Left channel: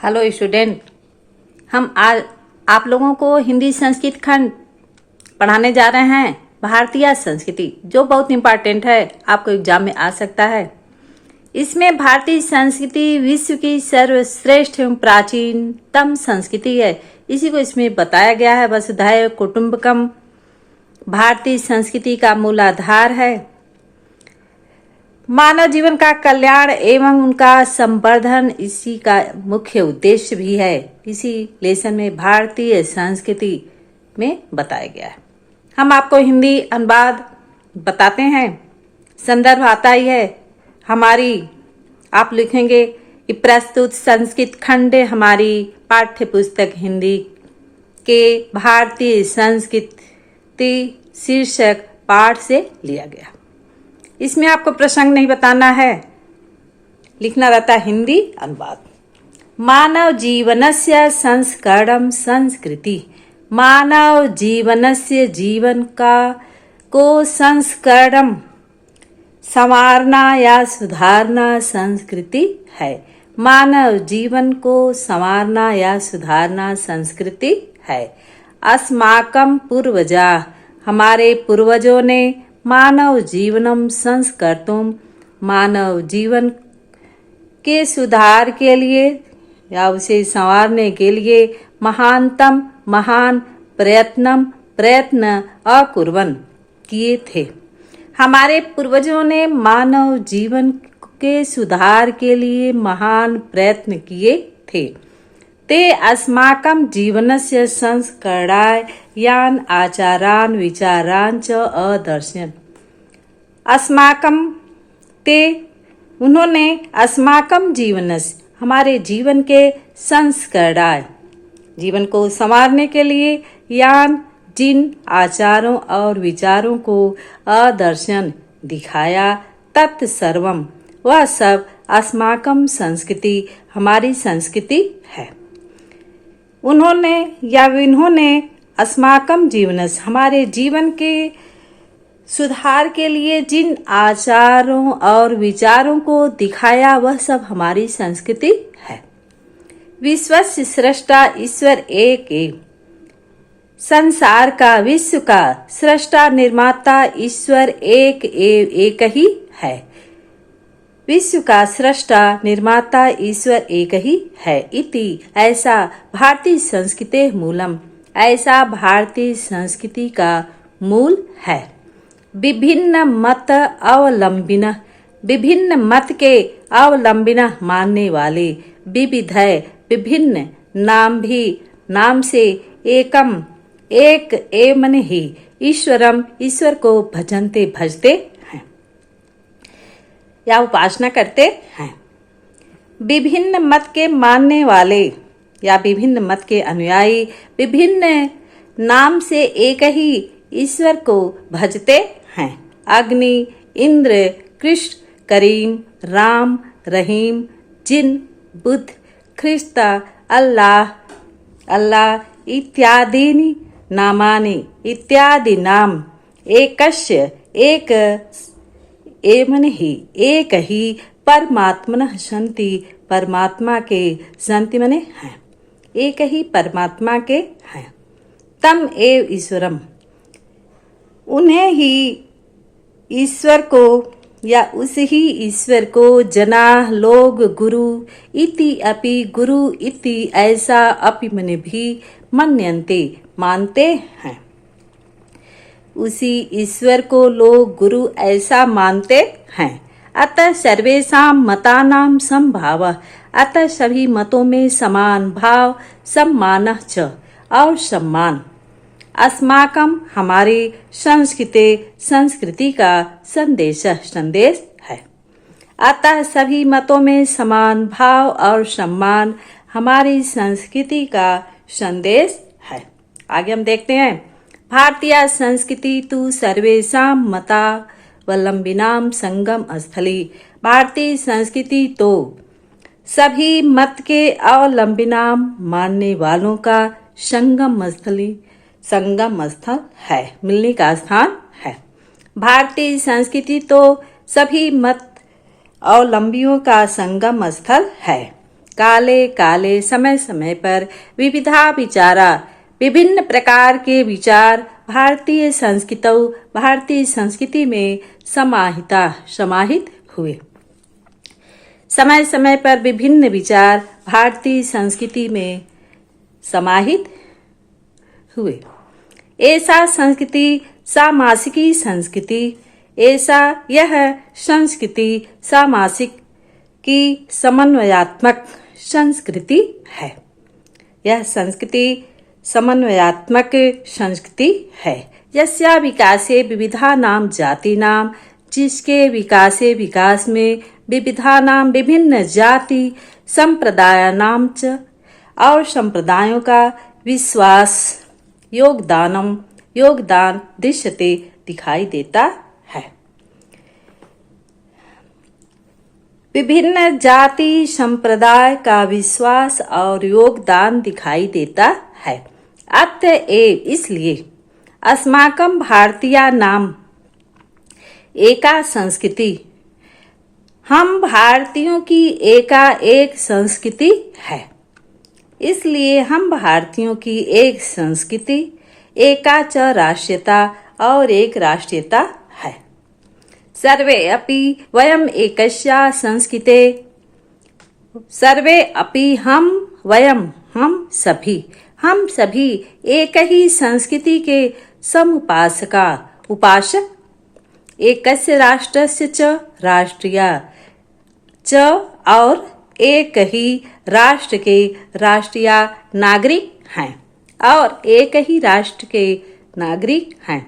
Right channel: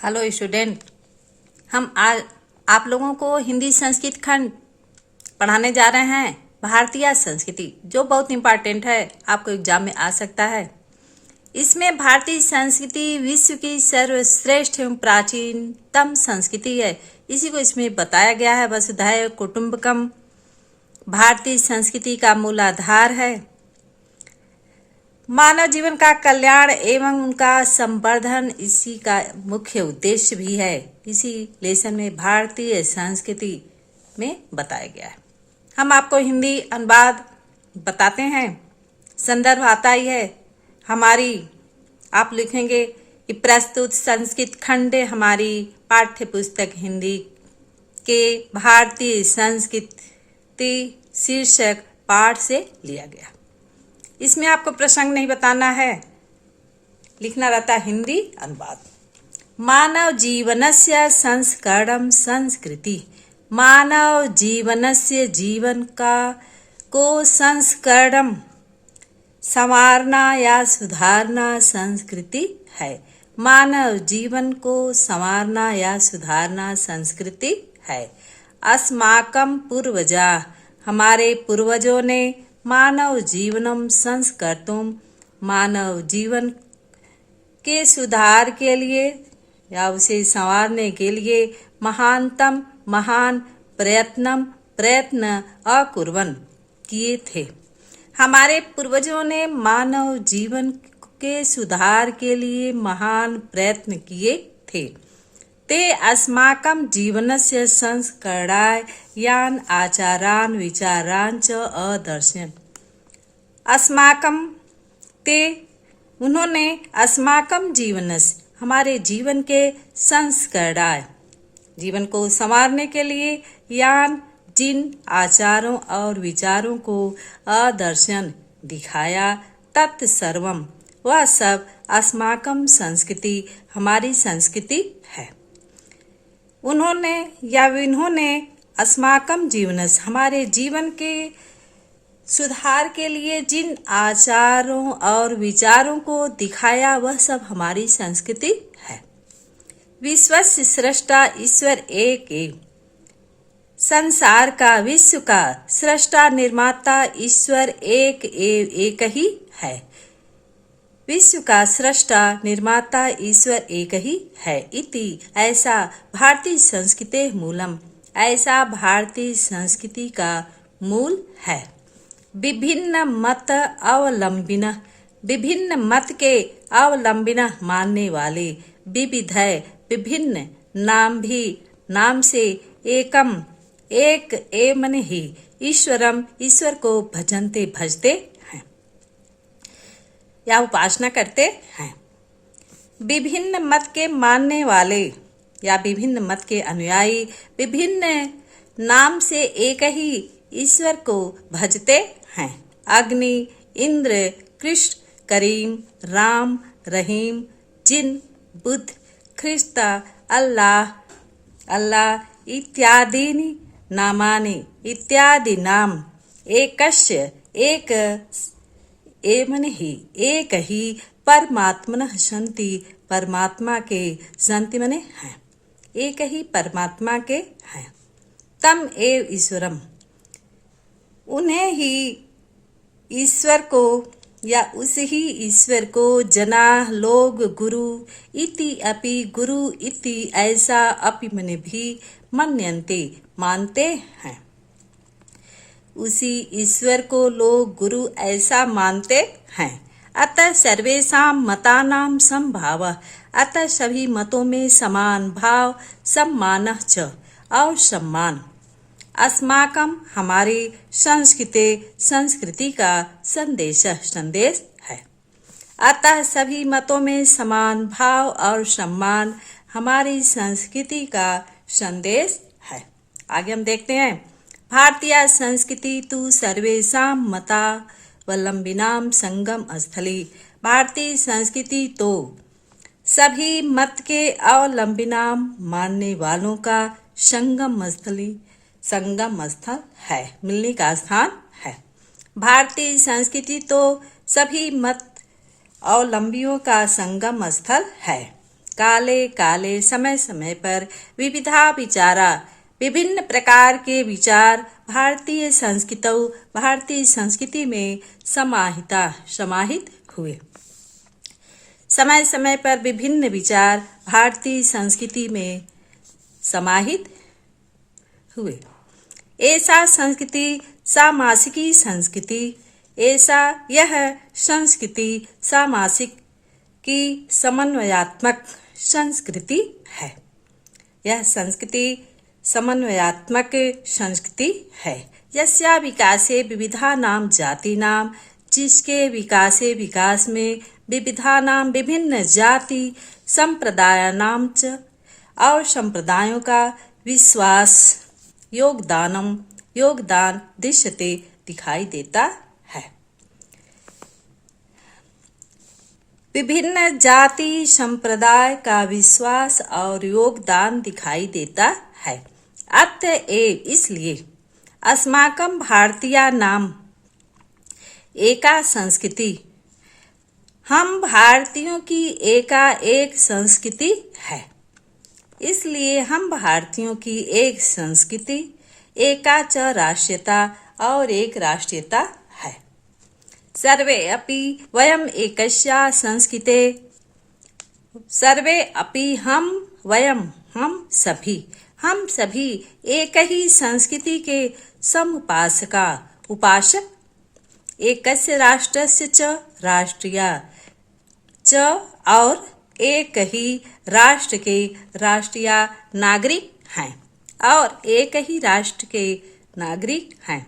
Hello student, हम आज आप लोगों को हिंदी संस्कृत खंड पढ़ाने जा रहे हैं। भारतीय संस्कृति जो बहुत इम्पोर्टेंट है, आपको एग्जाम में आ सकता है। इसमें भारतीय संस्कृति विश्व की सर्वश्रेष्ठ एवं प्राचीनतम संस्कृति है। इसी को इसमें बताया गया है। वसुधैव कुटुंबकम भारतीय संस्कृति का मूल आधार है। मानव जीवन का कल्याण एवं उनका संवर्धन इसी का मुख्य उद्देश्य भी है। इसी लेसन में भारतीय संस्कृति में बताया गया है। हम आपको हिंदी अनुवाद बताते हैं। संदर्भ आता ही है हमारी। आप लिखेंगे कि प्रस्तुत संस्कृत खंड हमारी पाठ्य पुस्तक हिंदी के भारतीय संस्कृति शीर्षक पाठ से लिया गया। इसमें आपको प्रसंग नहीं बताना है, लिखना रहता है हिंदी अनुवाद। मानव जीवनस्य संस्करणं संस्कृति। मानव जीवनस्य जीवन का को संस्करणं संवारना या सुधारना संस्कृति है। मानव जीवन को संवारना या सुधारना संस्कृति है। अस्माकं पूर्वजा हमारे पूर्वजों ने मानव जीवनम संस्कर्तुम मानव जीवन के सुधार के लिए या उसे संवारने के लिए महान प्रयत्न अकुर्वन् किए थे। हमारे पूर्वजों ने मानव जीवन के सुधार के लिए महान प्रयत्न किए थे। ते अस्माकं जीवनस्य संस्करणाय यान आचारान विचारान च अदर्शन। अस्माकं ते उन्होंने अस्माकं जीवनस्य हमारे जीवन के संस्करणाय जीवन को संवारने के लिए यान जिन आचारों और विचारों को अदर्शन दिखाया तत्सर्वम वह सब अस्माकं संस्कृति हमारी संस्कृति है। इन्होंने अस्माकं जीवनस हमारे जीवन के सुधार के लिए जिन आचारों और विचारों को दिखाया वह सब हमारी संस्कृति है। विश्वस्य सृष्टा ईश्वर एक संसार का विश्व का सृष्टा निर्माता ईश्वर एक ही है। विश्व का सृष्टा निर्माता ईश्वर एक ही है। इति ऐसा भारतीय संस्कृते मूलम ऐसा भारतीय संस्कृति का मूल है। विभिन्न मत के अवलंबिन मानने वाले विविधय विभिन्न नाम से एकम एक एवं ही ईश्वरम ईश्वर को भजते हैं या उपासना करते हैं। विभिन्न मत के मानने वाले या विभिन्न मत के अनुयायी विभिन्न नाम से एक ही ईश्वर को भजते हैं। अग्नि, इंद्र, कृष्ण, करीम, राम, रहीम, जिन, बुद्ध, ख्रिस्त, अल्लाह इत्यादि नाम एकस्य एक एवं ही एक ही परमात्मनः सन्ति परमात्मा के सन्ति मने हैं। एक ही परमात्मा के हैं। तम एव ईश्वरम उन्हें ही ईश्वर को या उस ही ईश्वर को जना लोग गुरु इति अपि गुरु इति ऐसा अपि मने भी मन्यन्ते मानते हैं। उसी ईश्वर को लोग गुरु ऐसा मानते हैं। अतः सर्वेषां मतानां समभावः अतः सभी मतों में समान भाव सम्मानः च और सम्मान। अस्माकं हमारी संस्कृति का संदेश है। अतः सभी मतों में समान भाव और सम्मान हमारी संस्कृति का संदेश है। आगे हम देखते हैं। भारतीय संस्कृति तु सर्वेषां मतावलंबिनां संगम स्थली। भारतीय संस्कृति तो सभी मत के अवलंबिनां मानने वालों का संगम स्थल है, मिलने का स्थान है। भारतीय संस्कृति तो सभी मत अवलंबियों का संगम स्थल है। काले काले समय समय पर विविधा विचारा विभिन्न प्रकार के विचार भारतीय संस्कृति में समाहित हुए। समय समय पर विभिन्न विचार भारतीय संस्कृति में समाहित हुए। ऐसा संस्कृति सामासिकी संस्कृति, ऐसा यह संस्कृति सामासिक की समन्वयात्मक संस्कृति है। यह संस्कृति समन्वयात्मक संस्कृति है। यस्या विकासे विविधानां जातीनां, जिसके विकास में विविधानां विभिन्न जाति संप्रदायानां च और संप्रदायों का विश्वास योगदान दृश्यते दिखाई देता है। विभिन्न जाति संप्रदाय का विश्वास और योगदान दिखाई देता है। अतएव इसलिए अस्माकं भारतीयानां एका संस्कृति, हम भारतीयों की एक संस्कृति है। इसलिए हम भारतीयों की एक संस्कृति, एका च राष्ट्रीयता और एक राष्ट्रीयता है। सर्वे अपि वयम् एकस्या संस्कृते, सर्वे अपि हम सभी एक ही संस्कृति के उपासक, एकस्य राष्ट्रस्य च राष्ट्रीया च और एक ही राष्ट्र के राष्ट्रीय नागरिक हैं और एक ही राष्ट्र के नागरिक हैं।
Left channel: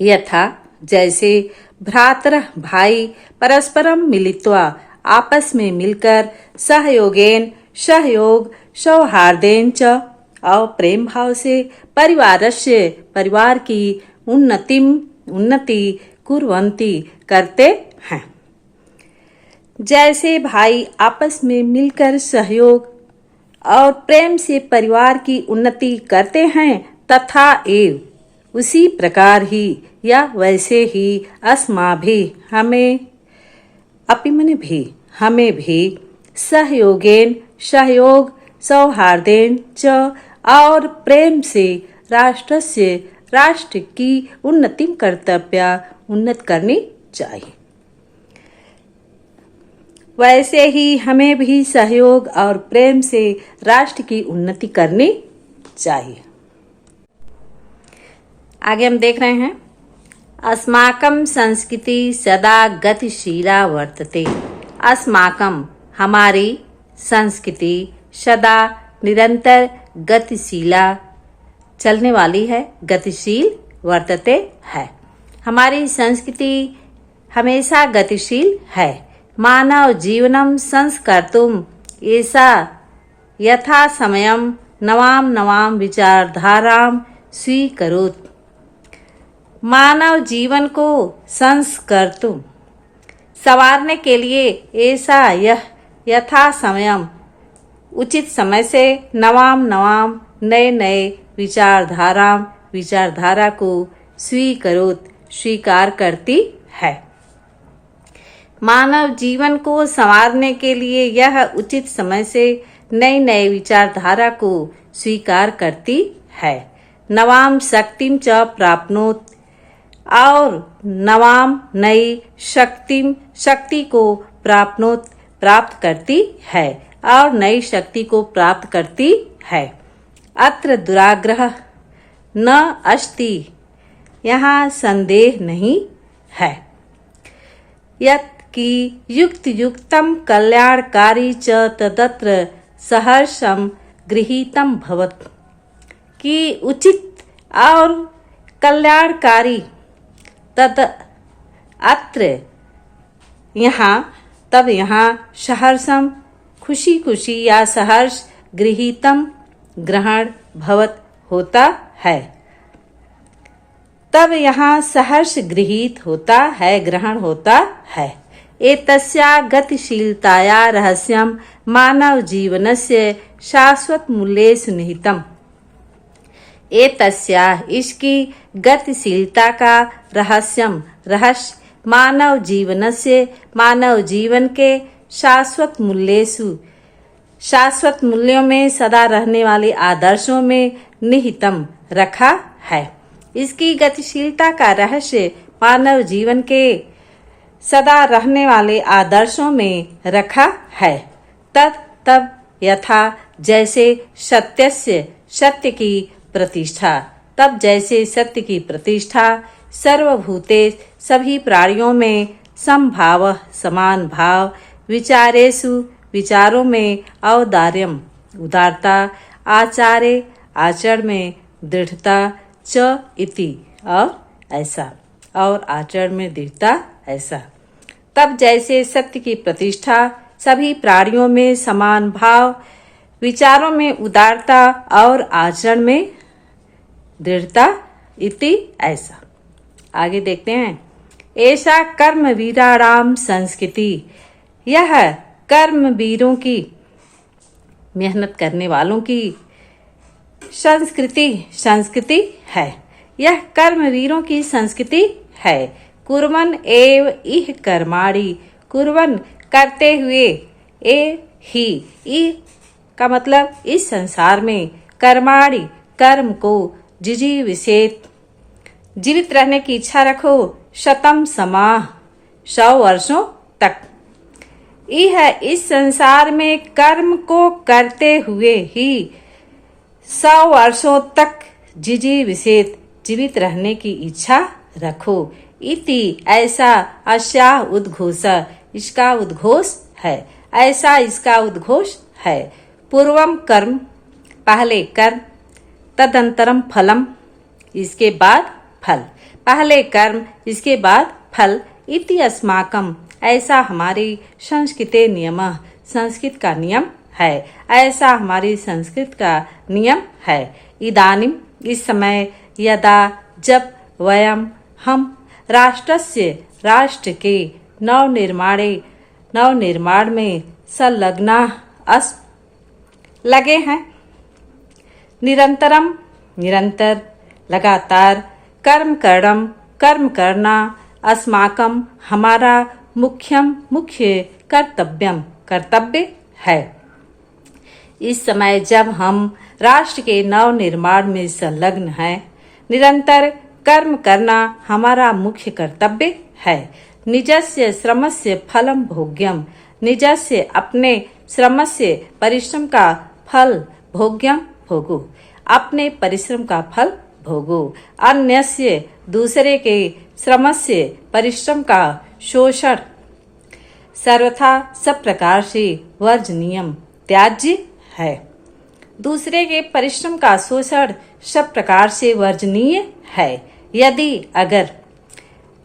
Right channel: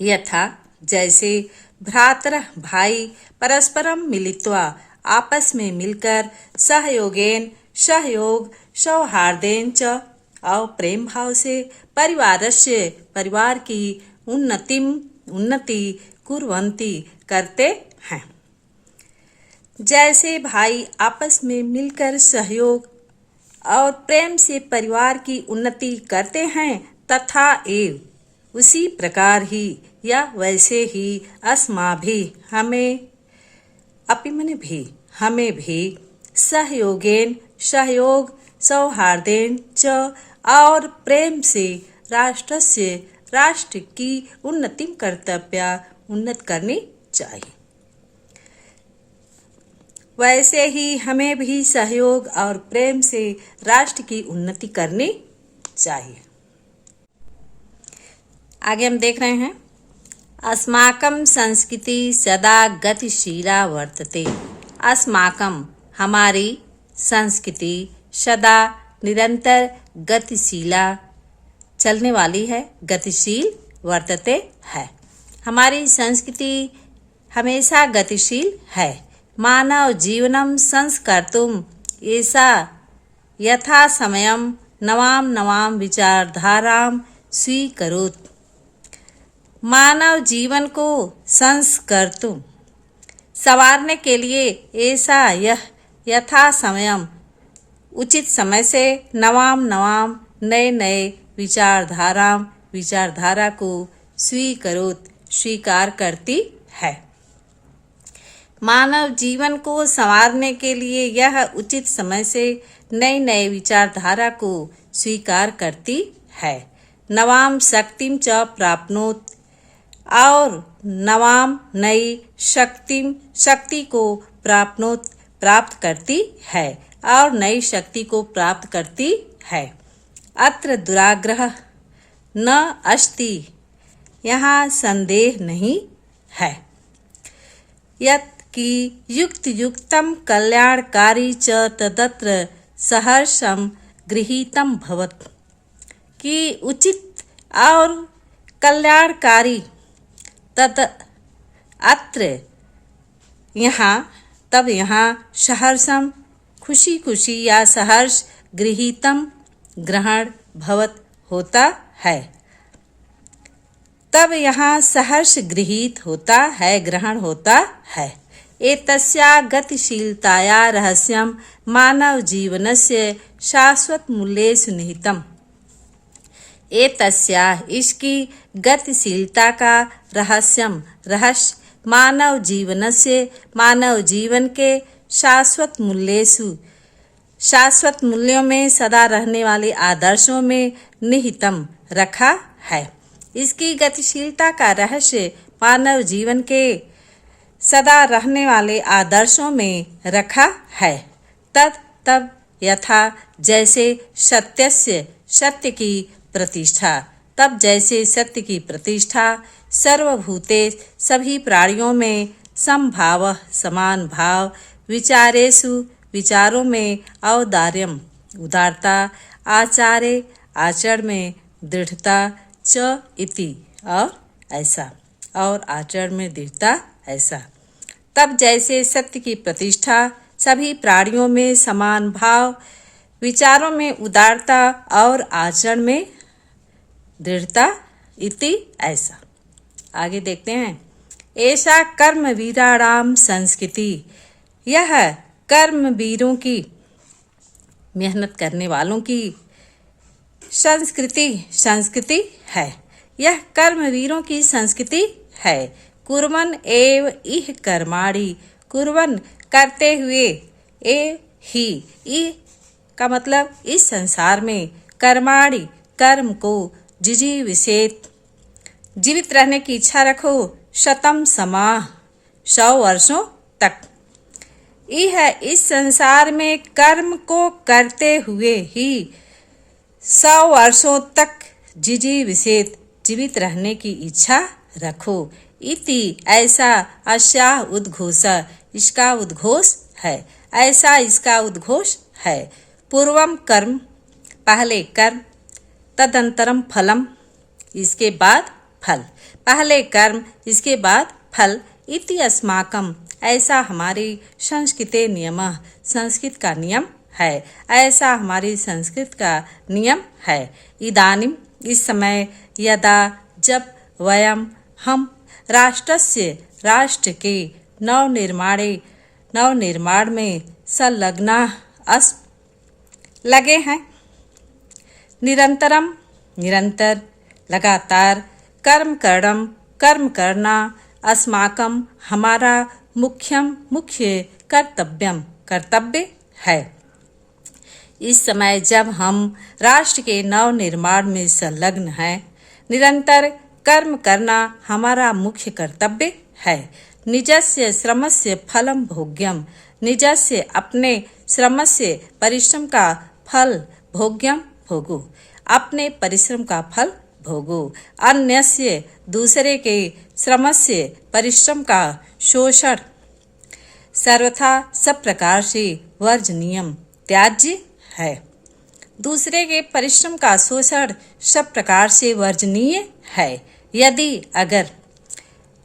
यथा जैसे भ्रातरः भाई परस्परम मिलित्वा आपस में मिलकर सहयोग सौहार्देन च और प्रेम भाव से परिवार की उन्नति कुर्वन्ति करते हैं। जैसे भाई आपस में मिलकर सहयोग और प्रेम से परिवार की उन्नति करते हैं, तथा एव उसी प्रकार ही या वैसे ही अस्माभिः हमें भी सहयोग सौहार्देन च और प्रेम से राष्ट्र की उन्नति करनी चाहिए। वैसे ही हमें भी सहयोग और प्रेम से राष्ट्र की उन्नति करनी चाहिए। आगे हम देख रहे हैं, अस्माकं संस्कृति सदा गतिशीला वर्तते। अस्माकं हमारी संस्कृति सदा निरंतर गतिशीला चलने वाली है, गतिशील वर्तते है। हमारी संस्कृति हमेशा गतिशील है। मानव जीवनम संस्कर्तुम ऐसा यथा समयम नवां विचारधाराम स्वीकरोत्। मानव जीवन को संस्कर्तुम संवारने के लिए ऐसा यह यथा समयम उचित समय से नवां नए विचारधारा को स्वीकार करती है। मानव जीवन को संवारने के लिए यह उचित समय से नए विचारधारा को स्वीकार करती है। नवाम शक्तिम च प्राप्नोत और नवाम नई शक्ति को प्राप्त करती है और नई शक्ति को प्राप्त करती है। अत्र दुराग्रह न अस्ति, यहाँ संदेह नहीं है। यत् कि युक्तम कल्याणकारी च तदत्र सहर्षम गृहीतम भवत्, कि उचित और कल्याणकारी तद अत्र यहाँ सहर्षम खुशी या सहर्ष गृहीतम ग्रहण भवत होता है। तब यहाँ सहर्ष गृहीत होता है, ग्रहण होता है। एतस्या गतिशीलताया रहस्यम मानव जीवनस्य शाश्वत मूल्येषु निहितम्। एतस्या इसकी गतिशीलता का रहस्य मानव जीवन के शाश्वत मूल्येषु शाश्वत मूल्यों में सदा रहने वाले आदर्शों में निहितम रखा है। इसकी गतिशीलता का रहस्य मानव जीवन के सदा रहने वाले आदर्शों में रखा है। तब यथा जैसे सत्यस्य सत्य की प्रतिष्ठा, तब जैसे सत्य की प्रतिष्ठा सर्वभूते सभी प्राणियों में समभाव समान भाव, विचारेषु विचारों में औदार्यम उदारता, आचारे आचरण में दृढ़ता, च इति और ऐसा, और आचरण में दृढ़ता ऐसा। तब जैसे सत्य की प्रतिष्ठा सभी प्राणियों में समान भाव, विचारों में उदारता और आचरण में दृढ़ता इति ऐसा। आगे देखते हैं। ऐसा कर्म वीराणाम संस्कृति, यह कर्म वीरों की, मेहनत करने वालों की संस्कृति है। यह कर्म वीरों की संस्कृति है। कुर्वन् एव इह कर्माणि, कुर्वन् करते हुए, ए ही ई का मतलब इस संसार में, कर्माणि कर्म को, जिजीविषेत् जीवित रहने की इच्छा रखो, शतम समाह 100 वर्षों तक। यह इस संसार में कर्म को करते हुए ही 100 वर्षों तक जिजीविषेत् जीवित रहने की इच्छा रखो। इति ऐसा, अस्याह उद्घोष इसका उद्घोष है, ऐसा इसका उद्घोष है। पूर्वम कर्म पहले कर्म, तदंतरम फलम इसके बाद फल, पहले कर्म इसके बाद फल। इति अस्माकम ऐसा हमारी संस्कृते नियमः संस्कृत का नियम है, ऐसा हमारी संस्कृत का नियम है। इदानीम इस समय, यदा जब, वयम हम, राष्ट्रस्य राष्ट्र के नवनिर्माण में संलग्ना अस लगे हैं। निरंतरम निरंतर, लगातार, कर्म करना, अस्माकम हमारा, मुख्य कर्तव्य है। इस समय जब हम राष्ट्र के नवनिर्माण में संलग्न हैं, निरंतर कर्म करना हमारा मुख्य कर्तव्य है। निजस्य श्रमस्य फलम भोग्यम, निजस्य अपने श्रमस्य परिश्रम का फल, भोग्यम भोगो, अपने परिश्रम का फल भोगो। अन्यस्य दूसरे के श्रमस्य परिश्रम का शोषण सर्वथा सब प्रकार से वर्जनीयम त्याज्य है। दूसरे के परिश्रम का शोषण सब प्रकार से वर्जनीय है। यदि अगर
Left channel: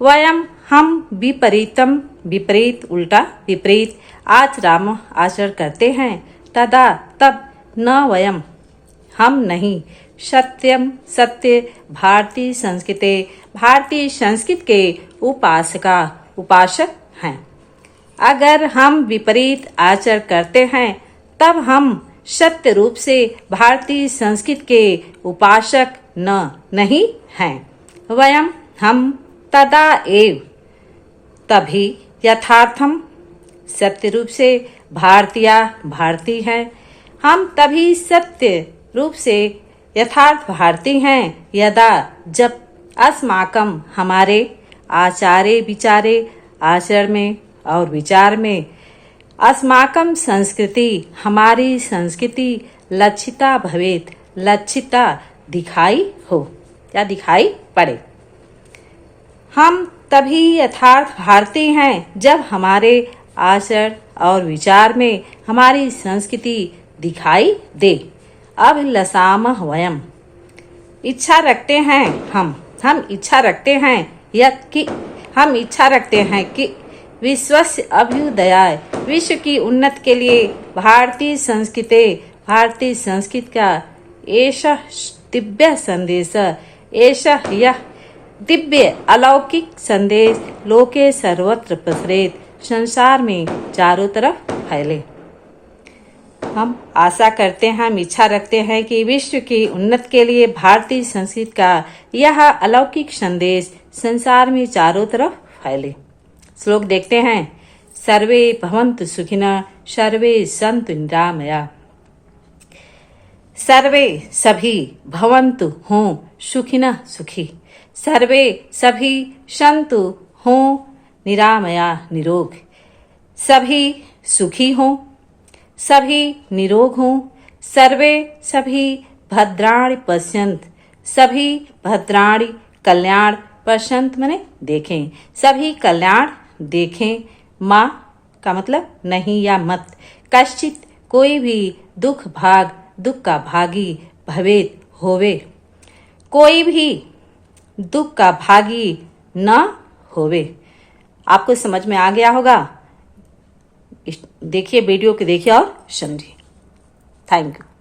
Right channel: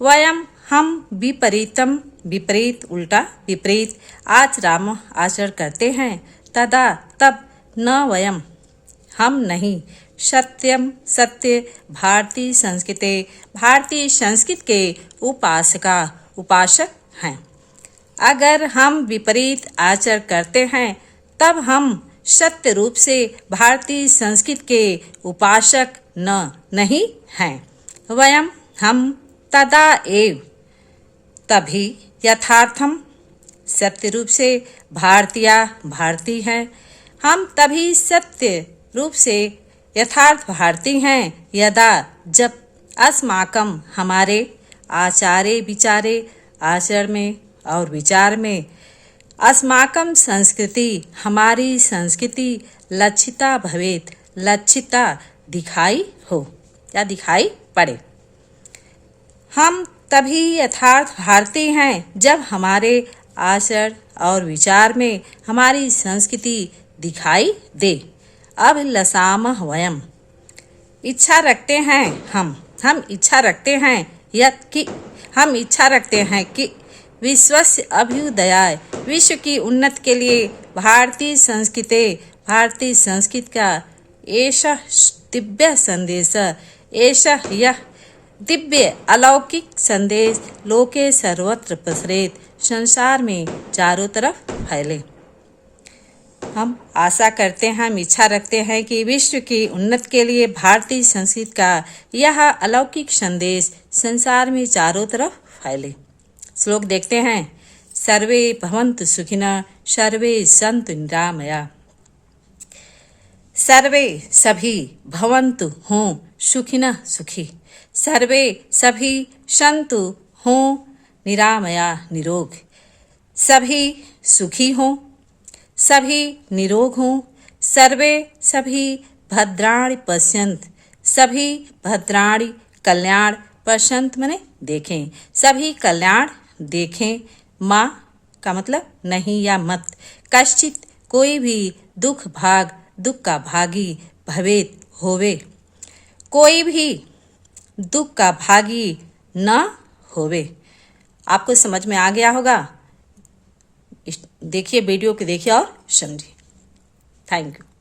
वयम हम विपरीत उल्टा विपरीत आचरण करते हैं, तदा तब न वयम हम नहीं, सत्य भारतीय संस्कृत के उपासक हैं। अगर हम विपरीत आचरण करते हैं, तब हम सत्य रूप से भारतीय संस्कृत के उपासक नहीं हैं। वयम हम तदा एव तभी यथार्थम सत्य रूप से भारतीय हैं। हम तभी सत्य रूप से यथार्थ भारतीय हैं, यदा जब अस्माकम हमारे आचारे विचारे आचरण में और विचार में, अस्माकम संस्कृति हमारी संस्कृति लक्षिता भवेत लक्षिता दिखाई हो या दिखाई पड़े। हम तभी यथार्थ भारतीय हैं जब हमारे आचरण और विचार में हमारी संस्कृति दिखाई दे। अभिलषामः वयम इच्छा रखते हैं, हम इच्छा रखते हैं कि विश्वस्य अभ्युदयाय विश्व की उन्नति के लिए भारतीय संस्कृत का ऐसा दिव्य संदेश, ऐसा यह दिव्य अलौकिक संदेश लोके सर्वत्र प्रसरेत संसार में चारों तरफ फैले। हम आशा करते हैं, हम इच्छा रखते हैं कि विश्व की उन्नति के लिए भारतीय संस्कृत का यह अलौकिक संदेश संसार में चारों तरफ फैले। श्लोक देखते हैं। सर्वे भवन्तु सुखिनः सर्वे सन्तु निरामया। सर्वे सभी भवन्तु हों सुखिनः सुखी, सर्वे सभी सन्तु हों निरामया निरोग, सभी सुखी हों, सभी निरोग हों, सर्वे सभी भद्राणि पश्यन्तु, सभी भद्राणि कल्याण पश्यन्तु माने देखें, सभी कल्याण देखें। माँ का मतलब नहीं या मत, कश्चित कोई भी दुख का भागी भवेत होवे, कोई भी दुख का भागी न होवे। आपको समझ में आ गया होगा। देखिए वीडियो को देखिए और समझिए। Thank you.